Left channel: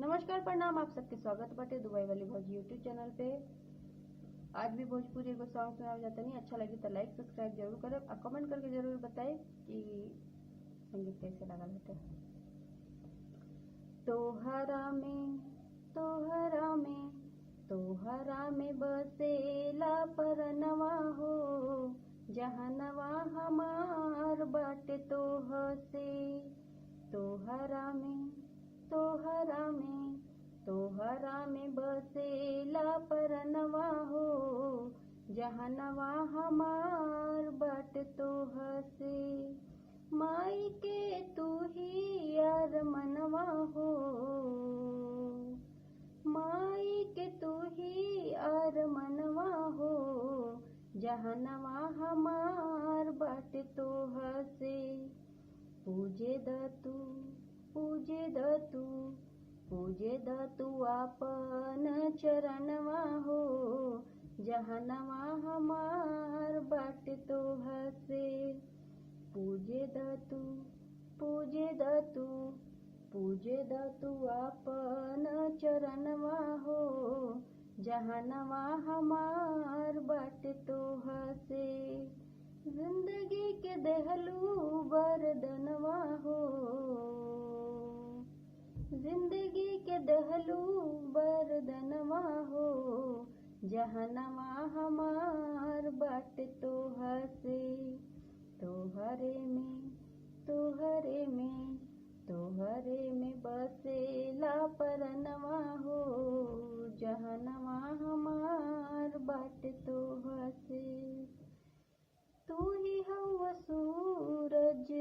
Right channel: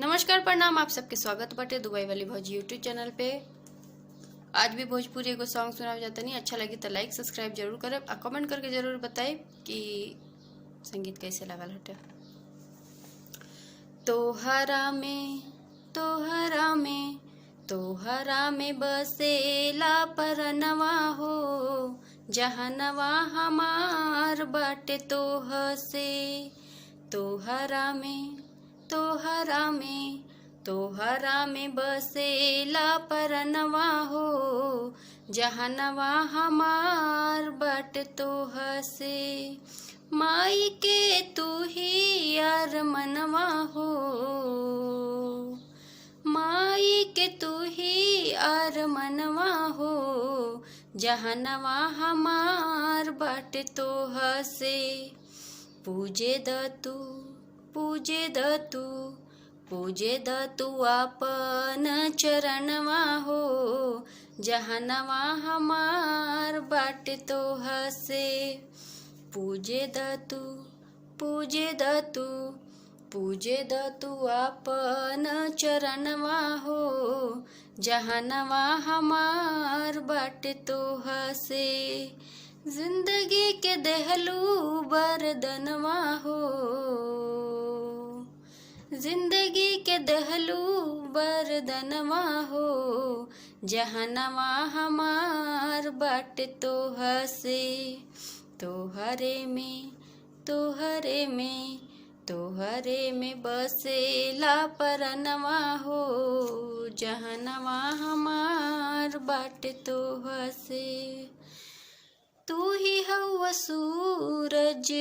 नमस्कार प्रणाम, आप सबके स्वागत बाटे दुबई वाली भौजी यूट्यूब चैनल पे। आज भी भोजपुरी एगो सॉन्ग सुनाव जाता नहीं, अच्छा लगी तो लाइक सब्सक्राइब जरूर करब और कमेंट करके जरूर बताए कि संगीत कैसे लगल हटे। तोहरा में तोहरा में बसेला परनवा हो, जहनवा हमार बाटे तोह से। तोहरा में बसेला परनवा हो, जहनवा हमार बाटे तोह से। माई के तू ही यार मनवा हो, माई के तू ही यार मनवा हो, जहनवा हमार बाटे तोह से। पूजे द तू आपन चरणवा हो, जहनवा हमार बाटे तोह से। पूजे द तू आपन चरणवा हो, जहनवा हमार बाटे तोह से। जिंदगी के देहलू बरदनवा हो, जिंदगी के दहलू बरदनवा हो, जहनवा हमार बाटे तोह से। तोहरे में बसेला परनवा हो, जहनवा हमार बाटे तोह से। तू ही हवा सूरज,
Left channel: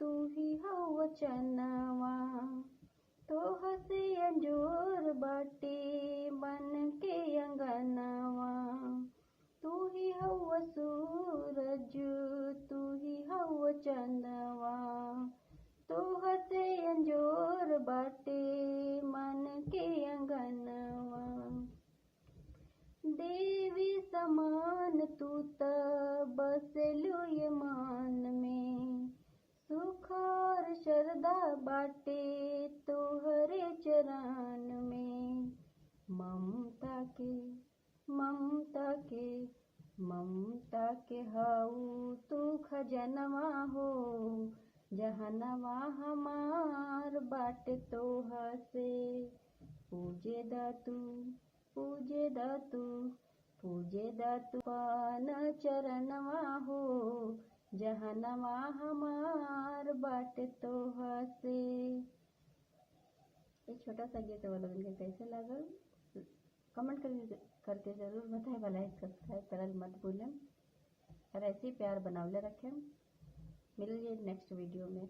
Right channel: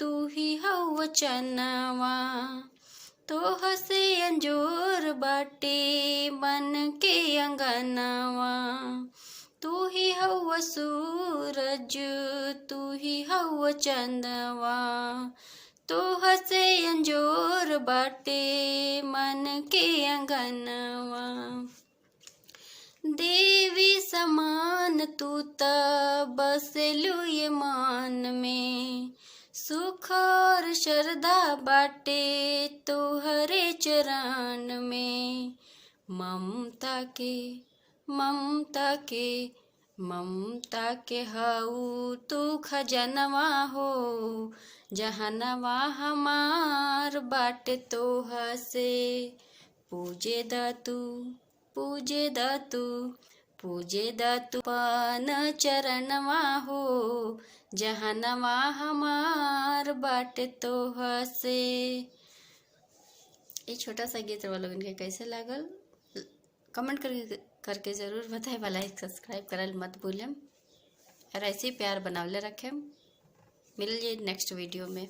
तू ही हवा चनवा, तोह से अंजोर बाटे मन के अंगनवा। तू ही हवा सूरज, तू ही हवा चंदवा, तोह से अंजोर बाटे मन के अंगनवा। देवी समान तू ता बसलू ये मान में, सुख और श्रद्धा बाटे तोहरे चरण में। ममता के हऊ तू खजनवा हो, जहनवा हमार बाटे तोह से। पूजे द तू पान चरणवा हो, जहनवा हमार बाटे तोह से। ये छोटा सा गीत वालों इनके कैसे लागल कमेंट करके जरूर बताए। लाइक सब्सक्राइब करल मत भूलें और ऐसे ही प्यार बनावले रखें। मिलिए नेक्स्ट वीडियो में।